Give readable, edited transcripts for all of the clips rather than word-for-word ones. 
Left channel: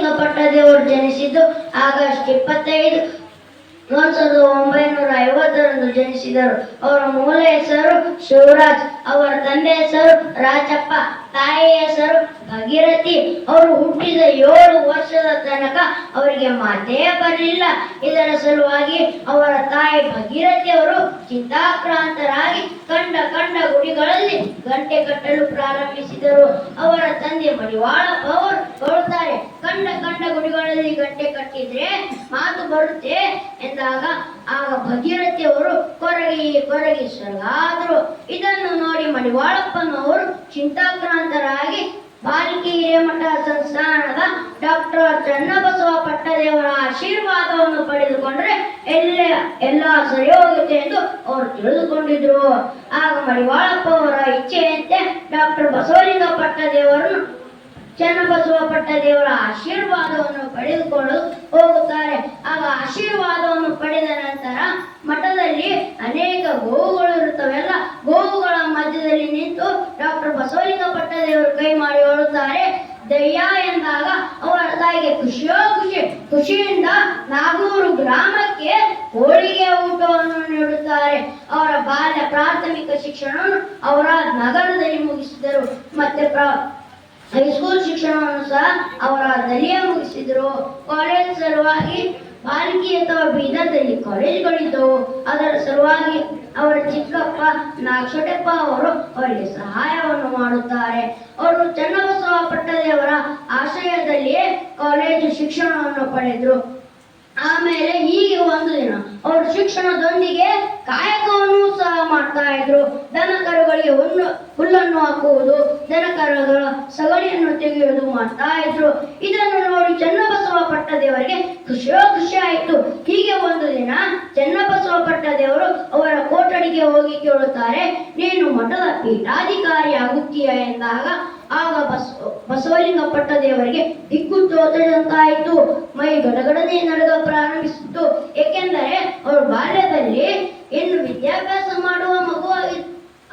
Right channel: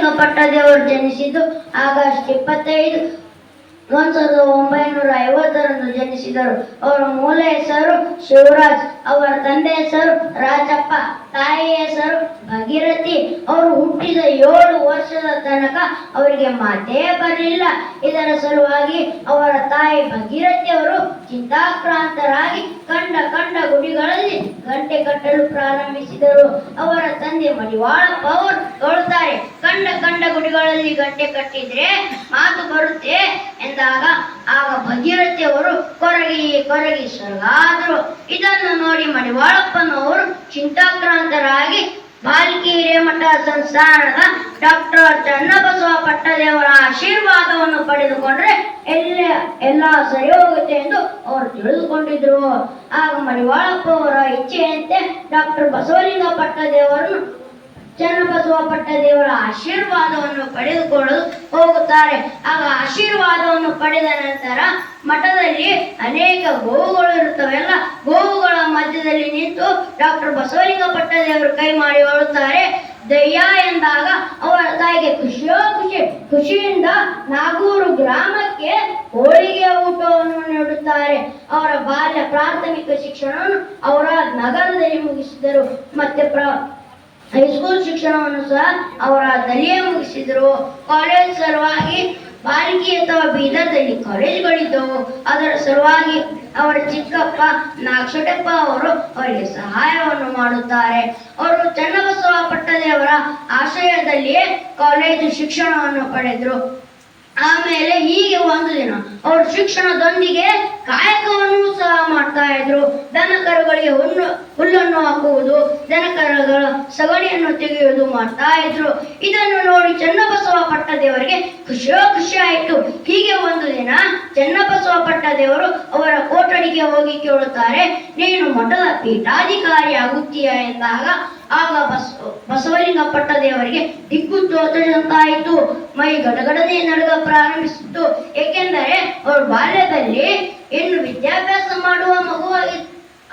Basavalinga Pattadevaru ಜನಿಸಿದ್ದು August 25, 1950ರಂದು ಜನಿಸಿದರು. ಅವರ ಮೂಲ ಹೆಸರು ಶಿವರಾಜ್, ಅವರ ತಂದೆ ಹೆಸರು ರಾಜಪ್ಪ, ತಾಯಿಯ ಹೆಸರು ಭಾಗೀರಥಿ. ಅವರು ಹುಟ್ಟಿದ 7 ವರ್ಷದ ತನಕ ಅವರಿಗೆ ಮಾತೇ ಬರಲಿಲ್ಲ. ಇದರ ಸಲುವಾಗಿ ಅವರ ತಾಯಿ ಭಾಗೀರಥಿ ಅವರು ಚಿಂತಾಕ್ರಾಂತರಾಗಿ ಕಂಡ ಗುಡಿಗಳಲ್ಲಿ ಗಂಟೆ ಕಟ್ಟಲು ಪ್ರಾರಂಭಿಸಿದರು. ಅವರ ತಂದೆ ಮಡಿವಾಳಪ್ಪ ಅವರು ಹೇಳುತ್ತಾರೆ, ಕಂಡ ಗುಡಿಗಳಲ್ಲಿ ಗಂಟೆ ಕಟ್ಟಿದ್ರೆ ಮಾತು ಬರುತ್ತೆ ಎಂದಾಗ ಆಗ ಭಾಗೀರಥಿ ಅವರು ಕೊರಗಿ ಸೊರಗಾದರು. ಇದನ್ನು ನೋಡಿ ಮಡಿವಾಳಪ್ಪನವರು ಚಿಂತಾಕ್ರಾಂತರಾಗಿ ಬಾಲ್ಕಿ ಹಿರೇಮಠ ಸಂಸ್ಥಾನದ ಡಾಕ್ಟರ್ ಚನ್ನಬಸವ ಪಟ್ಟದೇವರ ಆಶೀರ್ವಾದವನ್ನು ಪಡೆದುಕೊಂಡ್ರೆ ಎಲ್ಲ ಸರಿ ಹೋಗುತ್ತೆ ಎಂದು ಅವರು ತಿಳಿದುಕೊಂಡಿದ್ರು. ಆಗ ಮಡಿವಾಳಪ್ಪ ಅವರ ಇಚ್ಛೆಯಂತೆ ಡಾಕ್ಟರ್ ಬಸವಲಿಂಗ ಪಟ್ಟದೇವರನ್ನು ಚನ್ನಬಸವ ಪಟ್ಟದೇವರ ಆಶೀರ್ವಾದವನ್ನು ಪಡೆದುಕೊಳ್ಳಲು ಹೋಗುತ್ತಾರೆ. ಆಗ ಆಶೀರ್ವಾದವನ್ನು ಪಡೆದ ನಂತರ ಮಠದಲ್ಲಿ ಅನೇಕ ಗೋವುಗಳು ಇರುತ್ತವೆಲ್ಲ, ಗೋವುಗಳ ಮಧ್ಯದಲ್ಲಿ ನಿಂತು ಡಾಕ್ಟರ್ ಬಸವಲಿಂಗ ಪಟ್ಟದೇವರು ಕೈ ಮಾಡಿ ಹೇಳುತ್ತಾರೆ, ದಯ್ಯ ಎಂದಾಗ ಅವರ ತಾಯಿಗೆ ಖುಷಿಯಿಂದ ನಾಗೂರು ಗ್ರಾಮಕ್ಕೆ ಹೋಳಿಗೆ ಊಟವನ್ನು ನೀಡುತ್ತಾರೆ. ಅವರ ಬಾಲ್ಯ ಪ್ರಾಥಮಿಕ ಶಿಕ್ಷಣವನ್ನು ಔರಾದ್ ನಗರದಲ್ಲಿ ಮುಗಿಸಿದರು. ಮತ್ತೆ ಹೈಸ್ಕೂಲ್ ಶಿಕ್ಷಣವನ್ನು ಸಹ ಔರಾದ್ನಲ್ಲಿಯೇ ಮುಗಿಸಿದರು. ಕಾಲೇಜ್ ಸಲುವಾಗಿ ಬಾಲ್ಕಿ ಅಥವಾ ಬೀದರ್ದಲ್ಲಿ ಕಾಲೇಜುಗಳಿದ್ದವು. ಅದರ ಸಲುವಾಗಿ ಅವರ ಚಿಕ್ಕಪ್ಪ ನಾಗಶೆಟ್ಟಪ್ಪ ಅವರು ಅವರಿಗೆ ಸಹಾಯವನ್ನು ಮಾಡುತ್ತಾರೆ. ಅವರು ಚನ್ನಬಸವ ಪಟ್ಟದೇವರ ಆಶ್ರಯದಲ್ಲಿಯೇ ಕಾಲೇಜು ಶಿಕ್ಷಣವನ್ನು ಪಡೆದರು. ಆಮೇಲೆ ಹೀಗೆ ಒಂದು ದಿನ ಅವರು ಶಿಕ್ಷಣದೊಂದಿಗೆ ಕಾಯಕವನ್ನು ಸಹ ಮಾಡ್ತಾ ಇದ್ರು. ದನ ಕರುಗಳಿಗೆ ಹುಲ್ಲನ್ನು ಹಾಕುವುದು, ದನ ಕರುಗಳ ಸಗಣಿಯನ್ನು ತೆಗೆಯುವುದು ಮಾಡ್ತಾ ಇದ್ರು. ಇದನ್ನು ನೋಡಿ ಚನ್ನಬಸವ ಪಟ್ಟದೇವರಿಗೆ ಖುಷಿ ಆಯಿತು. ಹೀಗೆ ಒಂದು ದಿನ ಚನ್ನಬಸವ ಪಟ್ಟದೇವರು ಅವರ ಕೊಠಡಿಗೆ ಹೋಗಿ ಕೇಳುತ್ತಾರೆ, ನೀನು ಮಠದ ಪೀಠಾಧಿಕಾರಿ ಆಗುತ್ತೀಯ ಎಂದಾಗ ಆಗ ಬಸವಲಿಂಗ ಪಟ್ಟದೇವರಿಗೆ ದಿಕ್ಕು ತೋಚದಂತಾಯಿತು. ಮೈ ಗಡಗಡನೆ ನಡುಗ ಪ್ರಾರಂಭಿಸಿತು. ಏಕೆಂದರೆ ಅವರು ಬಾಲ್ಯದಲ್ಲಿ ಇನ್ನು ವಿದ್ಯಾಭ್ಯಾಸ ಮಾಡುವ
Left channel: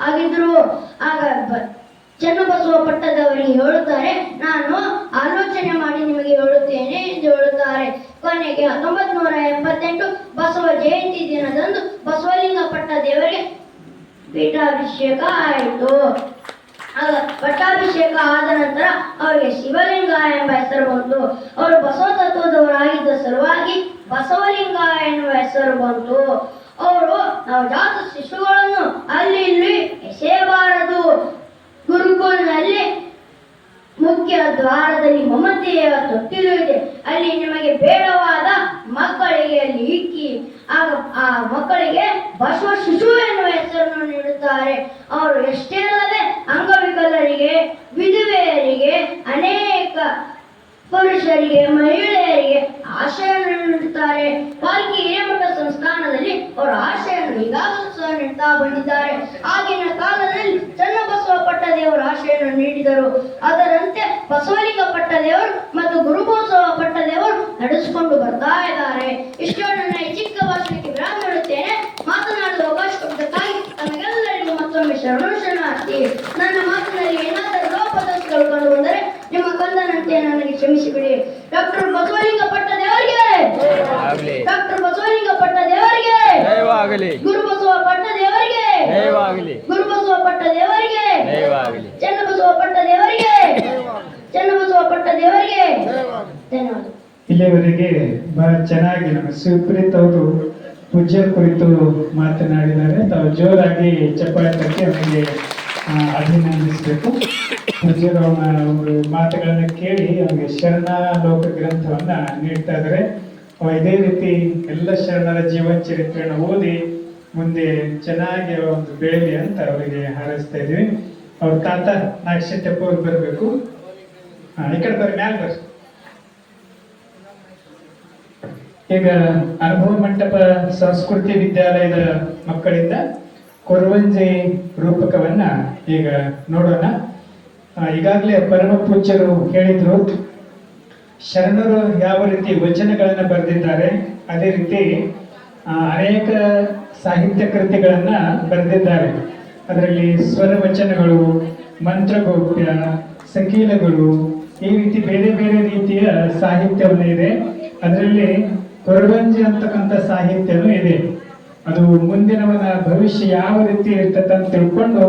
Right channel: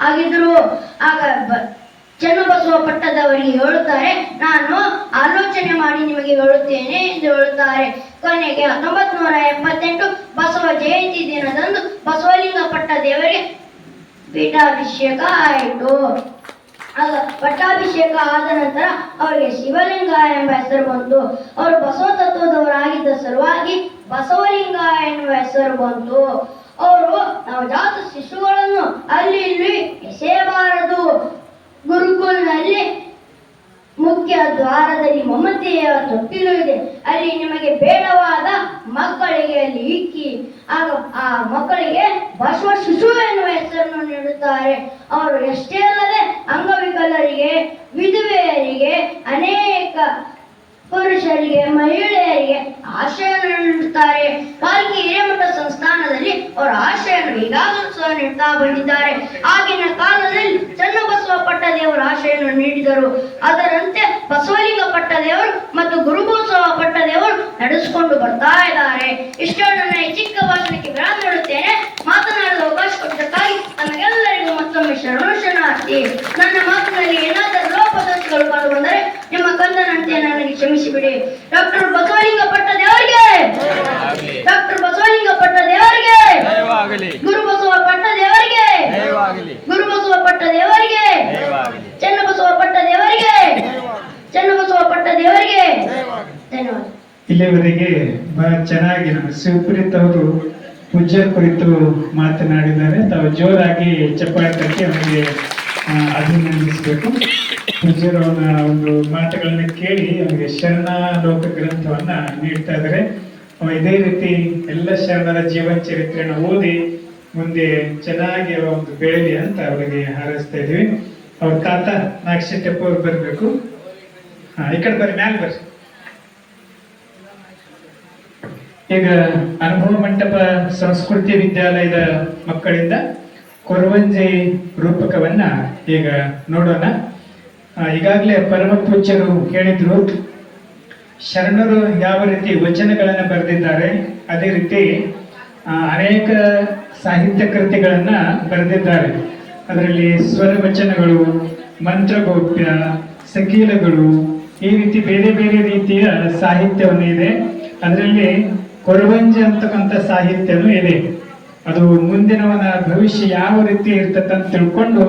ಆಗಿದ್ರು. ಆಗ ಚನ್ನಬಸವ ಪಟ್ಟದವರಿಗೆ ಹೇಳುತ್ತಾರೆ, ನಾನು ಆಲೋಚನೆ ಮಾಡಿ ನಿಮಗೆ ಹೇಳುತ್ತೇನೆ ಎಂದು ಹೇಳುತ್ತಾರೆ. ಕೊನೆಗೆ 1978 ಬಸವ ಜಯಂತಿ ದಿನದಂದು ಬಸವಲಿಂಗ ಪಟ್ಟದೇವರಿಗೆ ಪೀಠಾಭಿಷೇಕ ಆಯಿತು. ಪಟ್ಟಾಭಿಷೇಕ ಆದ ನಂತರ ಅವರಿಗೆ ಶಿವಲಿಂಗ ಎಂಬ ಹೆಸರು ಬಂತು. ಅವರು ಬಸವ ತತ್ವದವರಾಗಿದ್ದ ಸಲುವಾಗಿ ಬಸವಲಿಂಗ ಎನ್ನುವ ಹೆಸರು ಬಂತು. ಅವರು ನವಜಾತ ಶಿಶುಗಳನ್ನು ಅಲ್ಲಿ ಇಲ್ಲಿ ಎಸೆಯಬಾರದು. ಗುರುಕುಲದಲ್ಲಿ ಮುಖ್ಯ ದ್ವಾರದಲ್ಲಿ ಮಮತೆಯ ತೊಟ್ಟಿಲು ಇದೆ, ಅಲ್ಲಿ ನಿಮಗೆ ಬೇಡವಾದ ಮಕ್ಕಳಿಗೆ ಅಲ್ಲಿ ಇಕ್ಕಿ ಆಗ ಆ ಮಕ್ಕಳಿಗೆ ಬಸವ ಶಿಶು ಎನ್ನುವ ಹೆಸರನ್ನು ನೀಡುತ್ತಾರೆ. ಅವರು ಎಷ್ಟೇ ಅಲ್ಲದೆ ಅಂಗವಿಕಲರಿಗೆ, ವಿಧವೆಯರಿಗೆ, ಅನೇಕ ಪುರುಷರಿಗೆ, ಮಹಿಳೆಯರಿಗೆ ಆಶ್ರಯವನ್ನು ನೀಡುತ್ತಾರೆ. ಬಾಲ್ಕಿ ಹಿರೇಮಠ ಸಂಸ್ಥಾನದಲ್ಲಿ ಅವರ ಆಶ್ರಯವನ್ನು ಈಗಾಗಲೂ ಸಹ ನೀಡುತ್ತಾ ಬಂದಿದ್ದಾರೆ. ಆಗಿನ ಕಾಲದಲ್ಲಿ ಚನ್ನಬಸವ ಪಟ್ಟದೇವರು ಆಶ್ರಯವನ್ನು ನೀಡಿದರು. ಅದರಂತೆ ಬಸವಲಿಂಗ ಪಟ್ಟದೇವರು ಮತ್ತು ಗುರುಬಸವ ಪಟ್ಟದೇವರು ನಡೆಸಿಕೊಂಡು ಬರ್ತಾ ಇದ್ದಾರೆ. ಇಷ್ಟು ನನ್ನ ಚಿಕ್ಕ ಭಾಷಣಕ್ಕೆ ವಿರಾಮ ನೀಡುತ್ತೇನೆ. ಮಾತನಾಡಲು ಅವಕಾಶ ಕೊಟ್ಟಕ್ಕಾಗಿ ತಮಗೆಲ್ಲರಿಗೂ ಮತ್ತೊಮ್ಮೆ ಶರಣಾರ್ಥಿ. ನನ್ನ ಮಾತಿನಲ್ಲಿ ಏನಾದರೂ ಲೋಪದೋಷಗಳು ಕಂಡು ಬಂದರೆ ನಿಮ್ಮ ಕಂದನಂತೆ ನನಗೆ ಕ್ಷಮಿಸಿಬಿಡಿ. ಡಾಕ್ಟರ್ ಬಸವಲಿಂಗ ಪಟ್ಟದೇವರಿಗೆ, ಡಾಕ್ಟರ್ ಬಸವಲಿಂಗ ಪಟ್ಟದೇವರಿಗೆ, ಗುರುಬಸವ ಪಟ್ಟದೇವರಿಗೆ, ಗುರುಬಸವ ಪಟ್ಟದೇವರಿಗೆ, ಚನ್ನಬಸವ ಪಟ್ಟದೇವರಿಗೆ, ಚನ್ನಬಸವ ಪಟ್ಟದೇವರಿಗೆ ಧನ್ಯವಾದ. ಇಲ್ಲಿಯವರೆಗೆ ಬಹಳ ಚೆನ್ನಾಗಿ ನಮ್ಮ ಶಿವಪ್ರೀತ್ ಅವರು ಪೂಜ್ಯ ಕುರಿತು ಮಾತನಾಡಿದ್ದಾರೆ. ತಾವು ಜೋರಾಗಿ ಚಪ್ಪಾಳೆ ತಟ್ಟಿ ಅವರಿಗೆ ಅಭಿನಂದಿಸಬೇಕು. ಪೂಜ್ಯರ ಒಂದು ಮಾತುಗಳನ್ನ ಕೇಳಿ ಅವರಿಗೆ ಶರಣಾಲೋಕ ಗ್ರಂಥವನ್ನ ನೀಡ್ತಾ ಇದ್ದಾರೆ. ಇದೇ ರೀತಿ ಎಲ್ಲ ಶರಣರ ಜೀವನ ಚರಿತ್ರೆಯನ್ನು ಓದಿ ಮುಂದೆ ಚೆನ್ನಾಗಿ ಒಂದು ಬೆಳೆಯಲಿ ಅಂತ ಅವರಿಗೆ ಹಾರೈಸ್ತಾ ಇದೀವಿ. ಅವ್ರ ತಾತ ನಾಗಶೆಟ್ಟಪ್ಪ ಅವ್ರು ಬರಬೇಕು. ಈ ಕಡೆ ಬರ್ರಿ, ಮ್ಯಾಲೆ ಬರ್ರಿ. ಈಗ ಅನುಭವ ಮಂಟಪ ಸಂಸ್ಕೃತಿ ವಿದ್ಯಾಲಯದ ಮಕ್ಕಳಿಂದ ಕೊರವಂಜಿ ರೂಪಕವನ್ನ ಈಗ ನೋಡೋಣ. ಈಗಾಗಲೇ ಪರಮ ಪೂಜ್ಯರು ಹೇಳಿದ್ರು, ಶರಣರು ಯಾವ ರೀತಿ ವಚನಗಳನ್ನ ಬರೆದಿದ್ದಾರೆ ಅದೇ ರೀತಿ ಅನೇಕ ಸಾಹಿತ್ಯ ಕೃತಿಗಳನ್ನ ಬರೆದಿದ್ದಾರೆ. ಅದರಲ್ಲಿ ಸ್ವರ ವಚನಗಳು, ಮಂತ್ರಗೋಪ್ಯ, ಸಕೀಲಗಳು, ಈ ರೀತಿ ಬೇರೆ ಬೇರೆ ರೀತಿ ರೀತಿಯ ಸಾಹಿತ್ಯವನ್ನು ಇದೆ. ಅದರಲ್ಲಿ ಕೊರವಂಜಿ ಅಂತಕ್ಕಂಥ ಸಾಹಿತ್ಯನೂ ಇದೆ. ಅದು ಮುಂದಿನವನ ಭವಿಷ್ಯ ಯಾವ ರೀತಿ ಇರ್ತದೆ ಅಂತ ತಿಳ್ಕೊಂಡು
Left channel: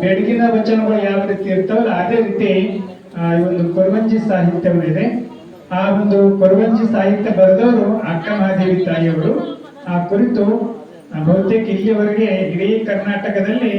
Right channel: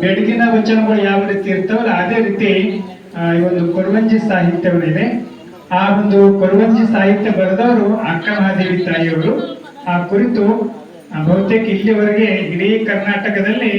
ಬೆಳಗಿನ ವಚನಗಳು ಯಾವ ರೀತಿ ಇರ್ತಾವಲ್ಲ ಅದೇ ರೀತಿ ಈ ಒಂದು ಕೊರವಂಜಿ ಸಾಹಿತ್ಯವನ್ನಿದೆ. ಆ ಒಂದು ಕೊರವಂಜಿ ಸಾಹಿತ್ಯ ಬರೆದವರು ಅಕ್ಕಮಹಾದೇವಿ ತಾಯಿಯವರು. ಆ ಕುರಿತು ಬಹುತೇಕ ಇಲ್ಲಿವರೆಗೆ ಇಡೀ ಕರ್ನಾಟಕದಲ್ಲಿ